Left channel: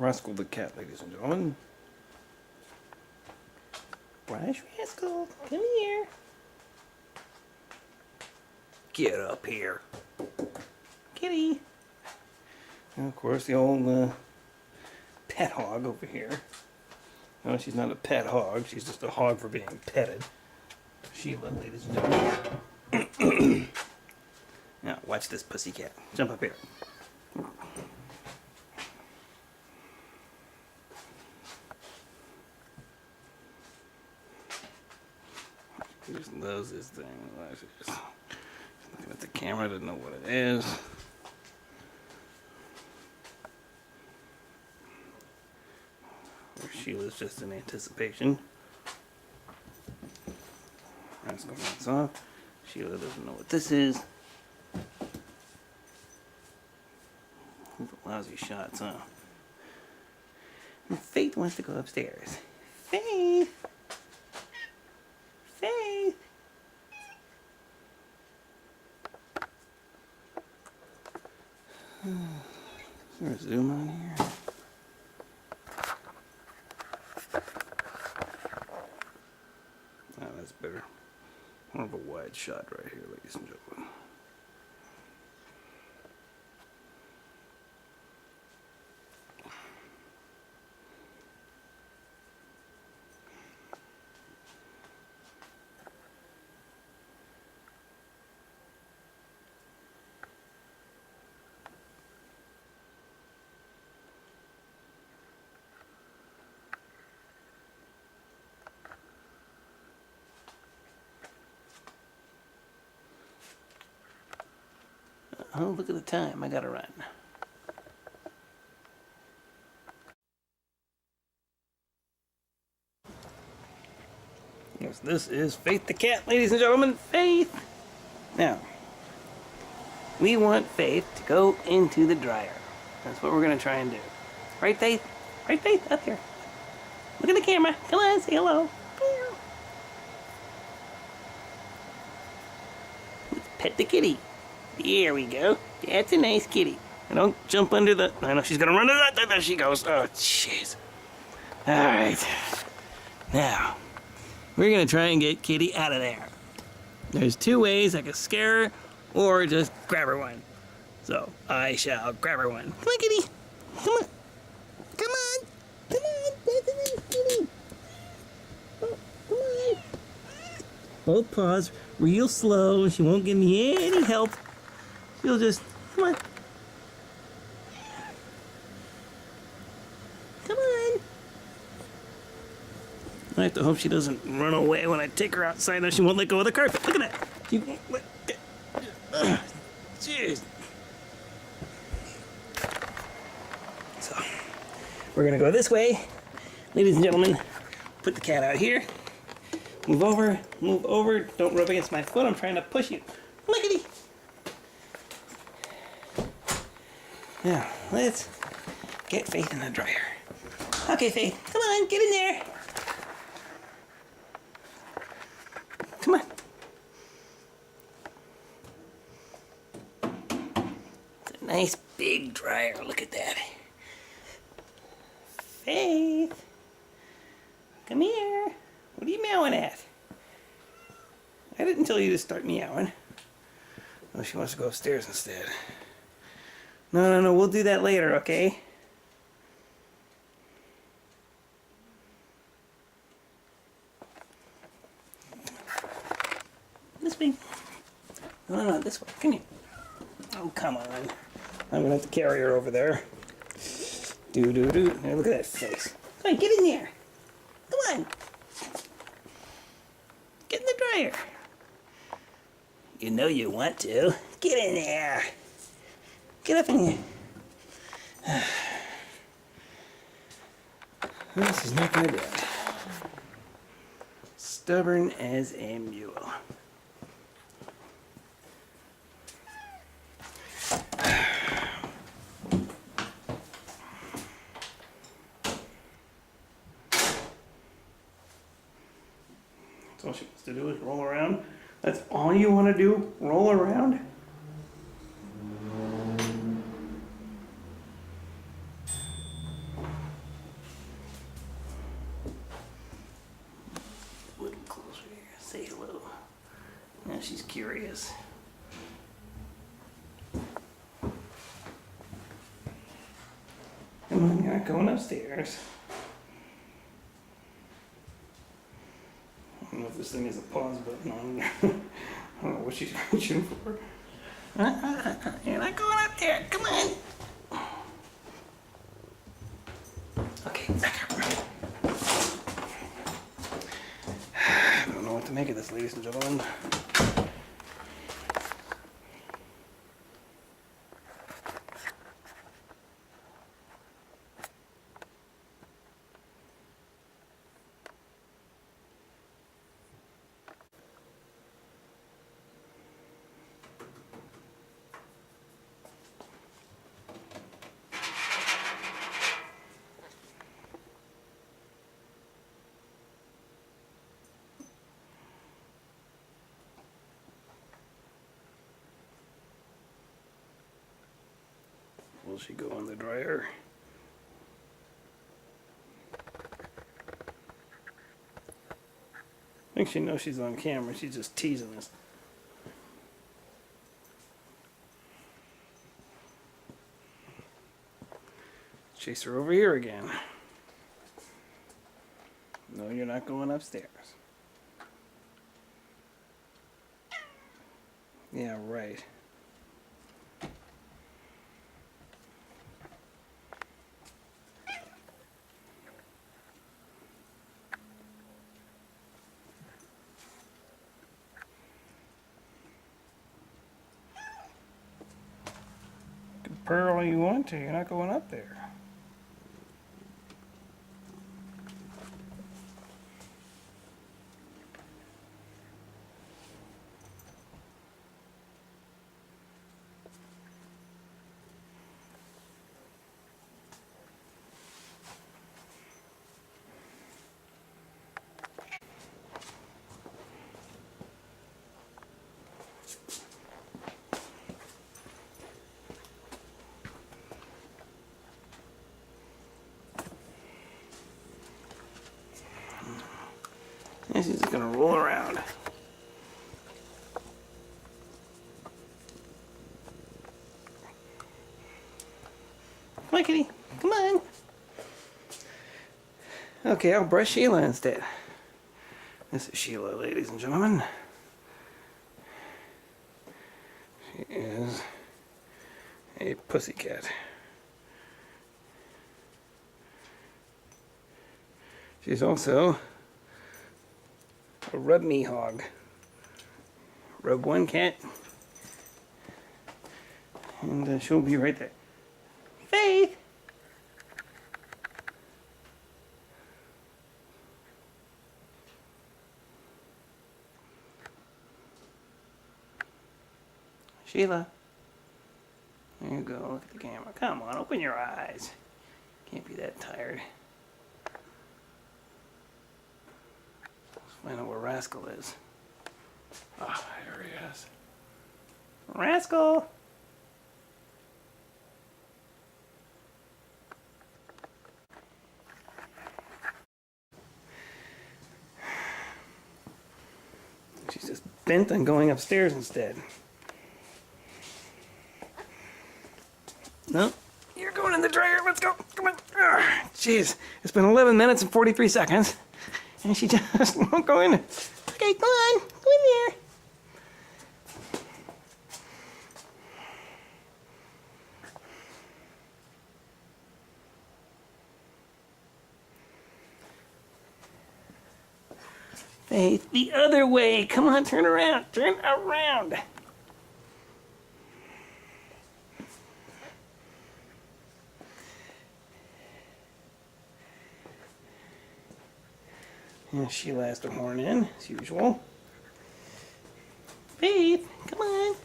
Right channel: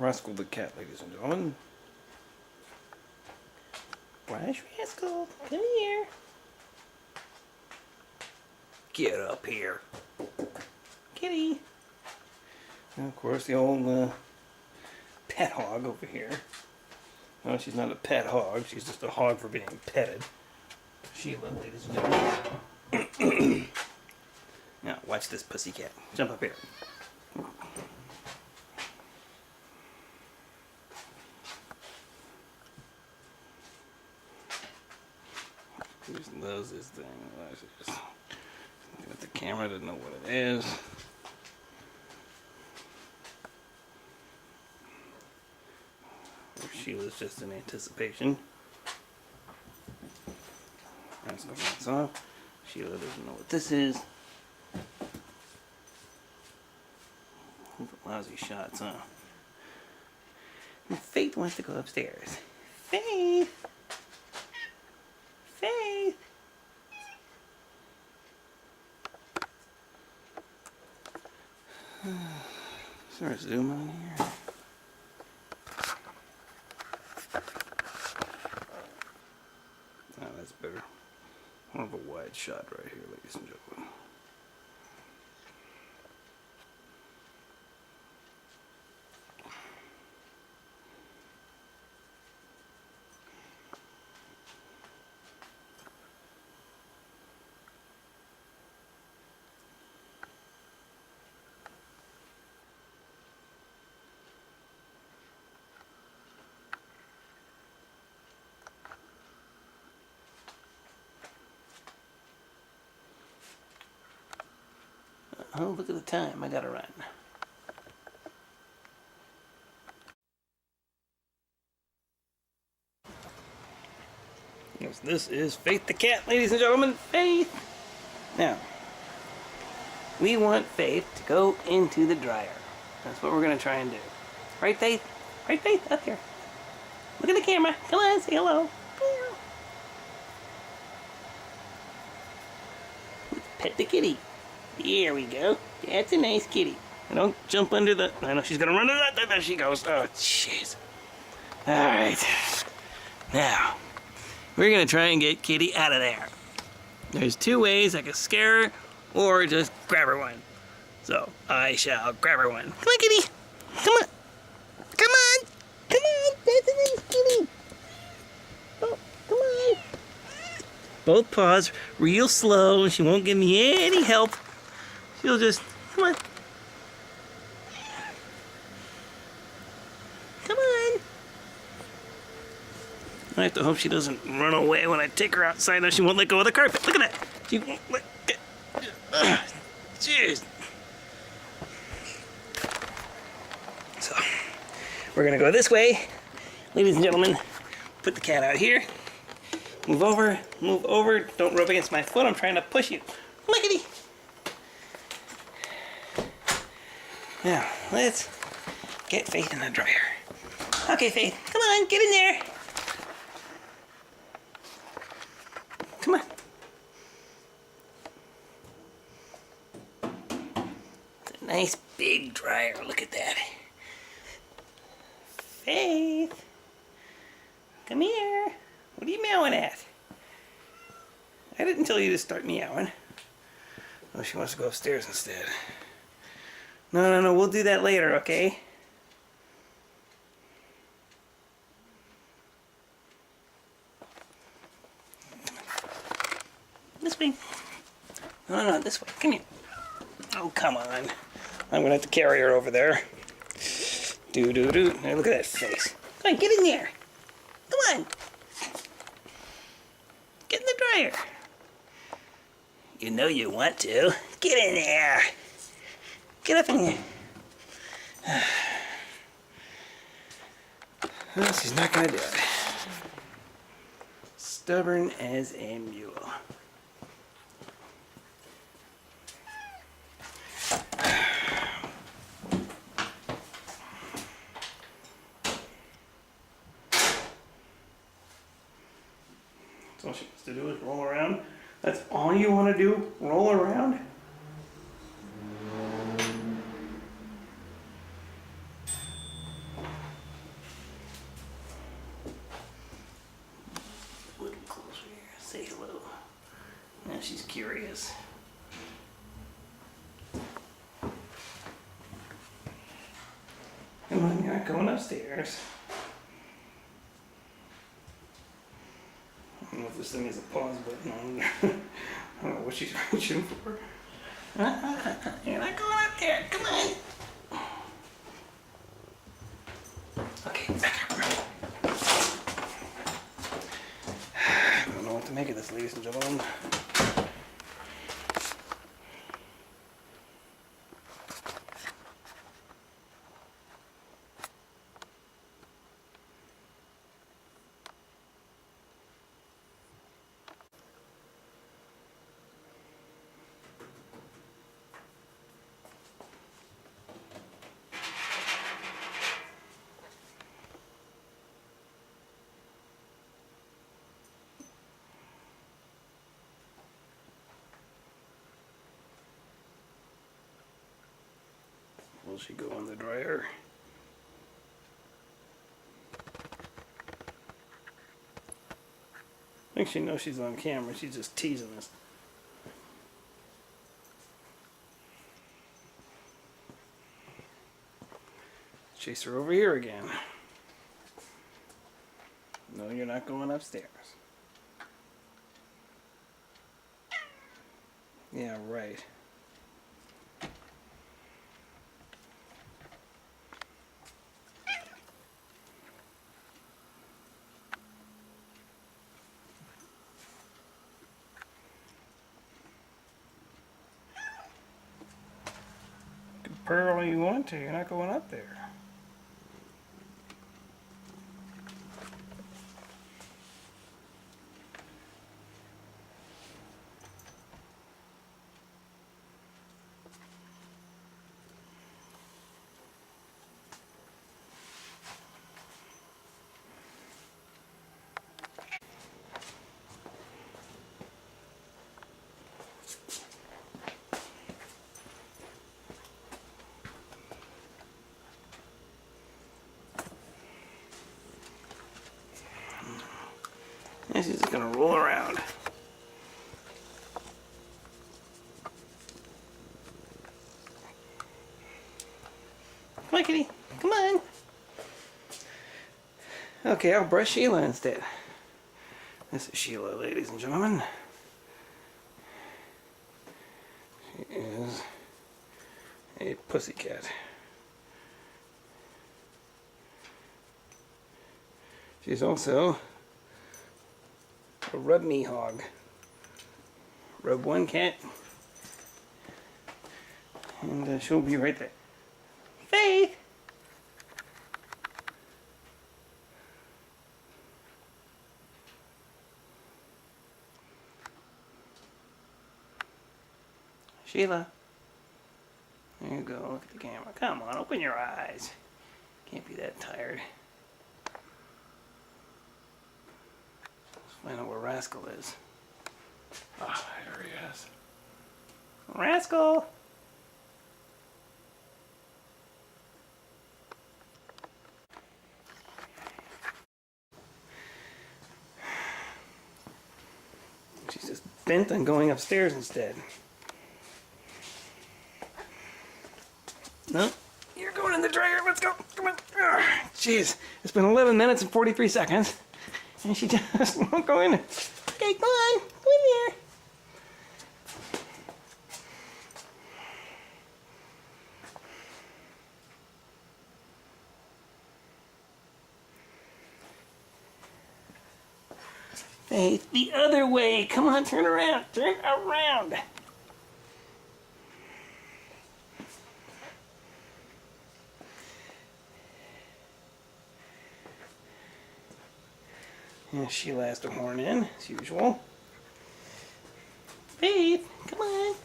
Rascal the cat, ladies and gentlemen. Brush, Rascal, come here. Get up here. Kitty. And of course the old pet hog over here. No, she's not a pet hog. She's just a hog for being petted. Sheila, ladies and gentlemen. Now, watch this pussycat. Jump up here. She just loves this thing. She's just looking at the camera, doesn't know what it is. Sheila's just in anticipation. Rascal runs off. Sheila doesn't know what this is. Lousy shots, huh? And Faith wants to go upstairs. Faith! Faith! Is there a zoom on here? Oh, that's better. More of a wide shot right here, ladies and gentlemen. Oh, look at the time. I gotta run. Yes, this is Faith the cat, ladies and gentlemen. Faith! Now, we want Faith to go into the dryer. That's what we're gonna try and do. Right, Faith? Right, Faith? Up here. Look at the camera. Come on, say hello. Let's pet the kitty. Here we go. That's a nice kitty. Don't jump under the... I know she's gonna run under that. There she goes. Oh, jeez. Alright. Now, we're gonna try and get Kitty out of there. There's two ways. I can scare her or just grab her one. So, I shall grab her one. Come on, Kitty. Come on. Come on. Come on. That's a nice kitty. Oh, come on. Both paws real slow. She won't give me any help. She'll just, come on. Come on. I have to hope she doesn't run away when I take her outside. Now she won't let go of the carpet. Look at that. She won't let go. Jeez. So, we're going to go this way. Ladies and gentlemen, put the cat out here. Move over. Move over. Don't rub against my foot. I'm trying to push you. Look at me. Now, let's get Faith in the dryer. Okay, Faith, come on, get in there. Come on. It's a nice big dryer, look at that. Faith, come here. What are you meowing at? I didn't tell you to start meowing. Oh, she wants to go upstairs instead. No, we'll do that later, okay? This way. No, this way. Come here. Oh, come on. I'm gonna have to carry her over there. Do-do-do. Now look at that face. Come on, get in there. Come on. Get in the dryer. You know you want to. Get in there. Get up in here. Well, she's not gonna do it. Stubborn as a mule. That's all she wants to do is roll around. That's all you want to do? Roll around? curious. Come on, you're not going upstairs. I don't know if this thing has a pause button on. I don't know what she's reaching for. You're not going up there. Come on. Okay, back up. I don't know what to make of this, ladies and gentlemen. Will she go in the dryer? I think she knows she's on camera. She's just teasing us. Chase her over here again. No, you're not going upstairs. Yeah, right. Purr all you want to, you're not going up there. And she's just gonna roll around. Come on, kitty. Come on. Okay, I'll brush Sheila instead. This is Sheila, ladies and gentlemen. She is a pussycat. She's also a rub me hog. Rub one cat, and she'll be right there. Faith! Sheila. There you go, look at the camera. Come on, open your eyes. Can't be that tired. Let's find out where Rascal is. Ah, there he is. Rascal! She's just bent on going upstairs instead. No, you're going in the dryer. Let's go. Come on. Jeez, it's been 11 minutes and 43 seconds. And she just won't go in. Okay, come on. Go in there. Faith, the other way. Come on, turn around. Turn around. And Sheila has to horn in, as usual. Faith, come on.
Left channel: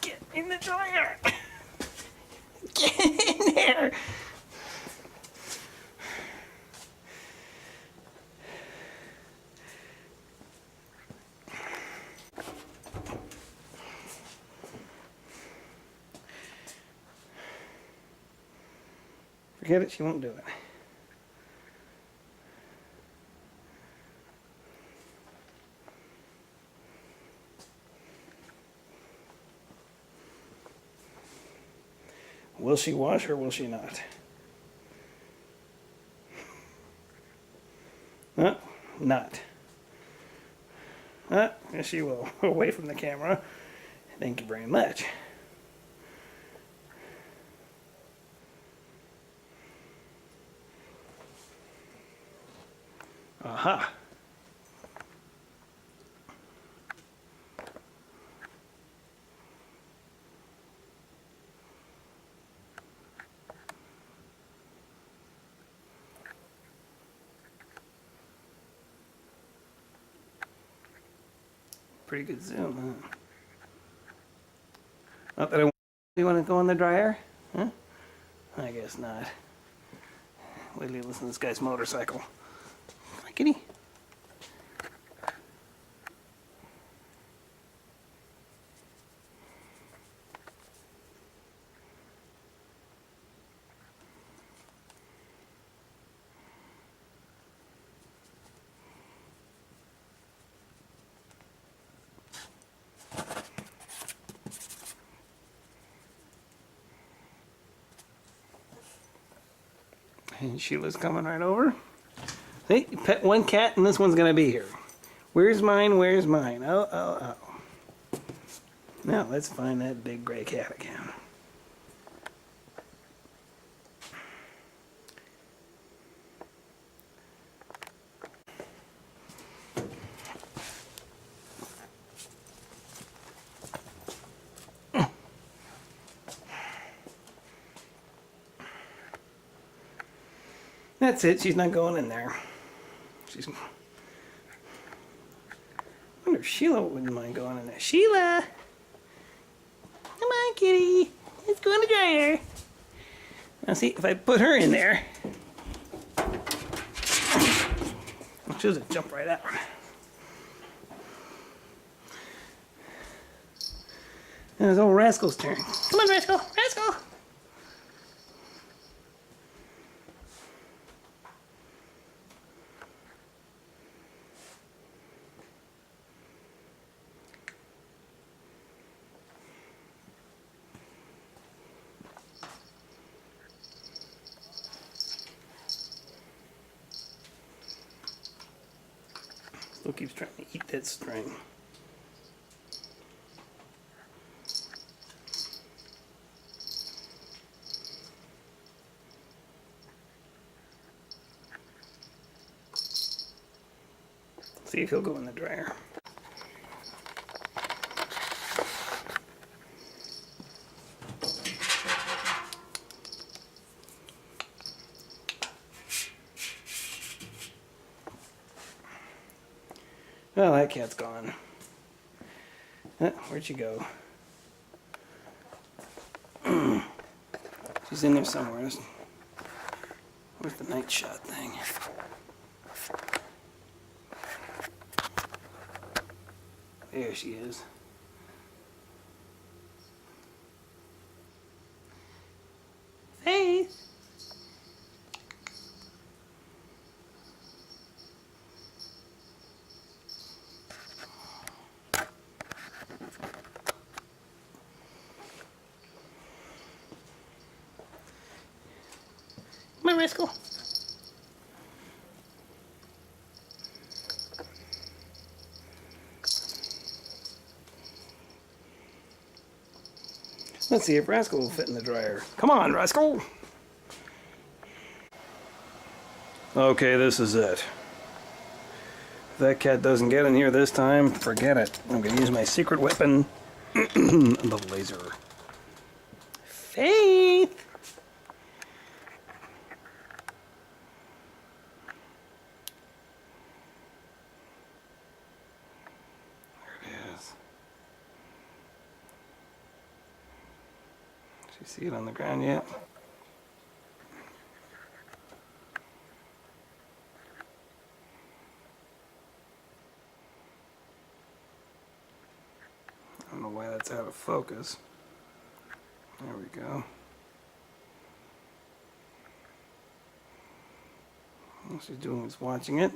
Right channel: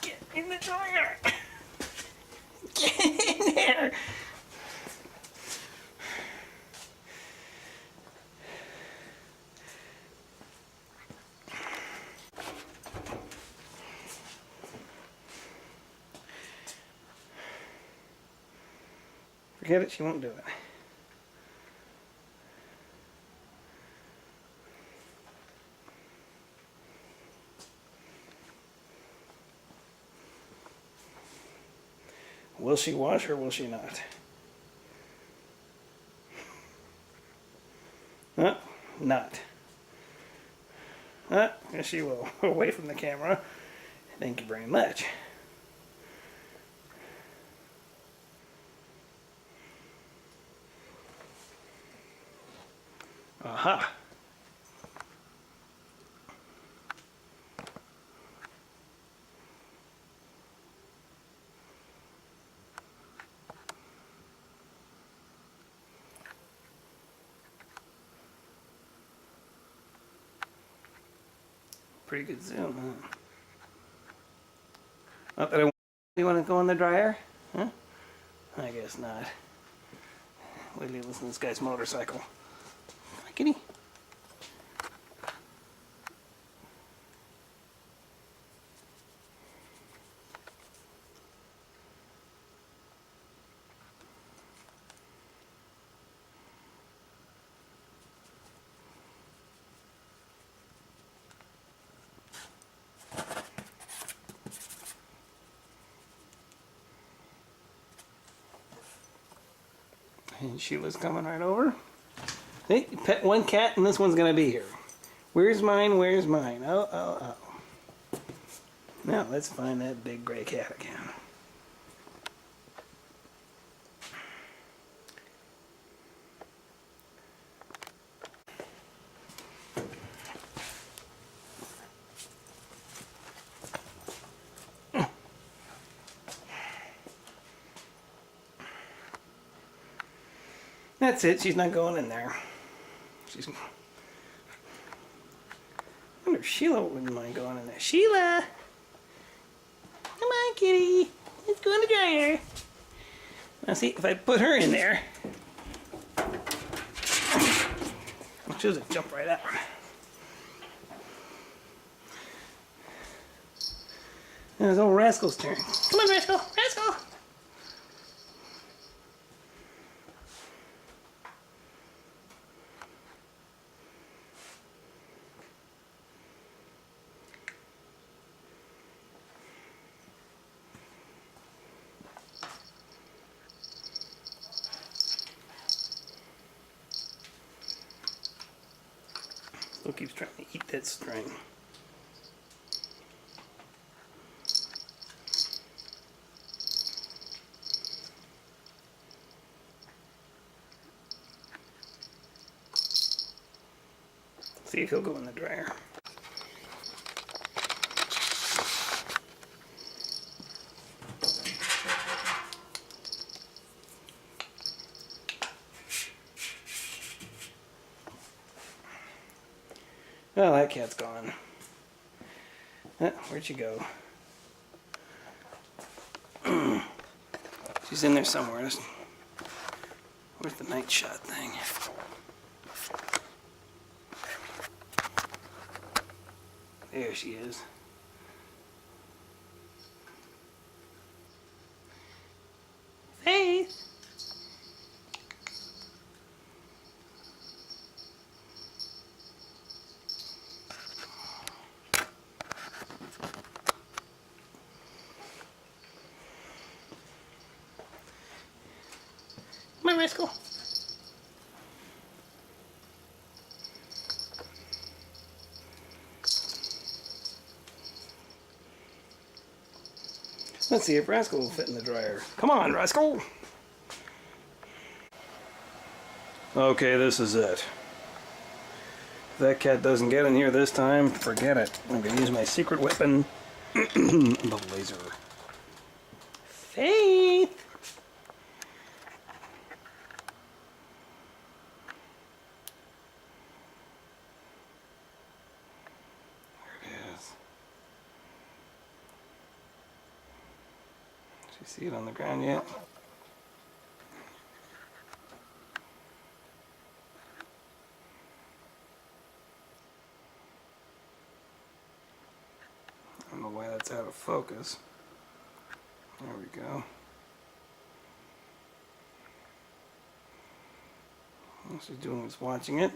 Get in the dryer. Get in there. Forget it, she won't do it. Will she wash or will she not? Not. Yes, she will. Away from the camera. Thank you very much. Aha. Pretty good zoom, huh? Not that I want. You want to go in the dryer? Huh? I guess not. Wait till you listen to this guy's motorcycle. Come on, kitty. And Sheila's coming right over. Hey, you pet one cat and this one's gonna be here. Where's mine? Where's mine? Oh, oh, oh. Now let's find that big gray cat again. That's it, she's not going in there. I wonder if Sheila wouldn't mind going in there. Sheila! Come on, kitty. Let's go in the dryer. Now see, if I put her in there, she'll just jump right out. Now it's old Rascal's turn. Come on, Rascal! Rascal! Still keeps trying to eat that string. See if he'll go in the dryer. Well, that cat's gone. Where'd she go? She's in there somewhere. Where's the night shot thing? There she is. Faith! Come on, Rascal. Let's see if Rascal will fit in the dryer. Come on, Rascal! Okay, this is it. If that cat doesn't get in here this time, forget it. I'm gonna use my secret weapon, the laser. Faith! You see it on the ground yet? I don't know why that's out of focus. There we go. All she's doing is watching it.